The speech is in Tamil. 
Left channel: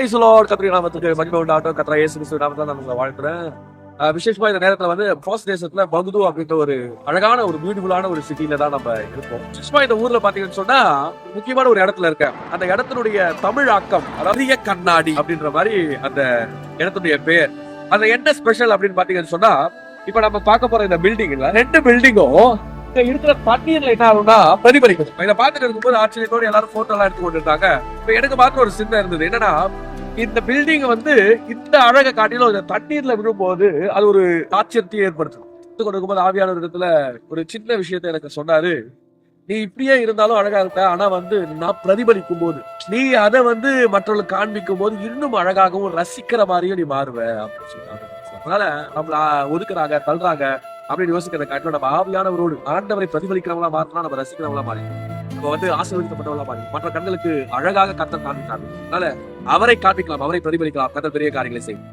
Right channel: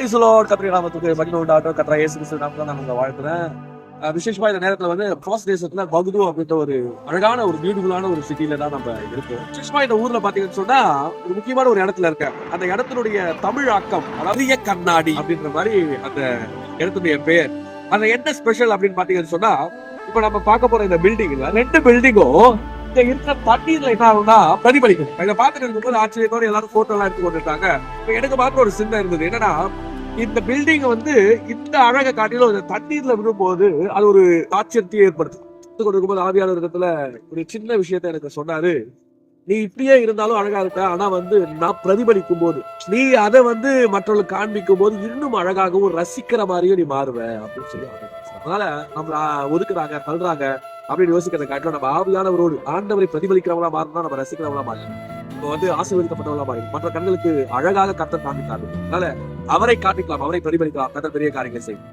கத்திரி நாமத்துக்கு மகிமை உண்டாகட்டும். கர்த்தராகிய இயேசு கிறிஸ்து நாமத்துல நான் உங்களை வாழ்த்துறேன். விசேஷமா இந்த நேரத்துல வந்து பிரான்ஸ் தேசத்துல பகுது அப்படின்ற ஒரு அழகான ஒரு பியூட்டிஃபுல்லான ஒரு சிட்டில தான் நம்ம இருக்கோம். விசேஷமா இந்த ஊர்ல பாத்தீங்கன்னு சொன்னா ஒரு முக்கியமான ஒரு இடத்துல இருக்கேன். அந்த இடத்தினுடைய தமிழ் ஆக்கம் அரிய கண்ணாடி அப்படின்ற மாதிரி அந்த இடத்துடைய பெயர். அந்த என்ன ஸ்பெஷல் அப்படின்னு பாத்தீங்கன்னு சொன்னா, இப்ப நம்ம பார்க்க போற இந்த பில்டிங்ல 2 பில்டிங்கும் இங்க இருக்கிற தண்ணீர்ல என்ன ஆகும்னா பிரதிபலிக்கும். இதை பார்த்துட்டு இருக்கும்போது ஆச்சரியத்தோட எல்லாரும் போட்டோ எல்லாம் எடுத்து கொண்டுட்டாங்க. இப்ப எனக்கு பார்த்து ஒரு சின்ன இருந்தது என்னன்னா, இந்த பில்டிங் வந்து இந்த அழகை காட்டிலும் இந்த தண்ணீர்ல விழும்போது அது ஒரு ஆச்சரியத்தை ஏற்படுத்தும். கொடுக்கும்போது ஆவியான விதத்துல ஒரு சின்ன விஷயத்த எனக்கு சொன்னாரு. நீ இப்படியே இருந்தாலும் அழகா இருக்க, ஆனா வந்து நான் பிரதிபலிக்கும் போது நீ அதை வந்து மற்றவர்களுக்கு காண்பிக்கும் போது இன்னும் அழகாகவும் ரசிக்கிற மாதிரியும் நீ மாறுவ அப்படின்னு சொல்லுவாங்க. அதனால நம்மள ஒதுக்குறாங்க தள்ளுறாங்க அப்படின்னு யோசிக்கிறத காட்டிலும் நம்ம ஆவியானவரோடு ஆண்டவரை பிரதிபலிக்கிறவங்களா மாறினா நம்ம ரசிக்கிறவங்களா மாறிடும். இப்போ வந்து ஆசீர்வதிக்கப்பட்டவங்களா மாறிடும். மற்ற கண்களுக்கு அழகாக கர்த்தர் காண்பித்தாங்க. அதனால அவரை காண்பிக்கலாம், அவரை பிரதிபலிக்கலாம். கர்த்தர் பெரிய காரியங்களை செய்யும்.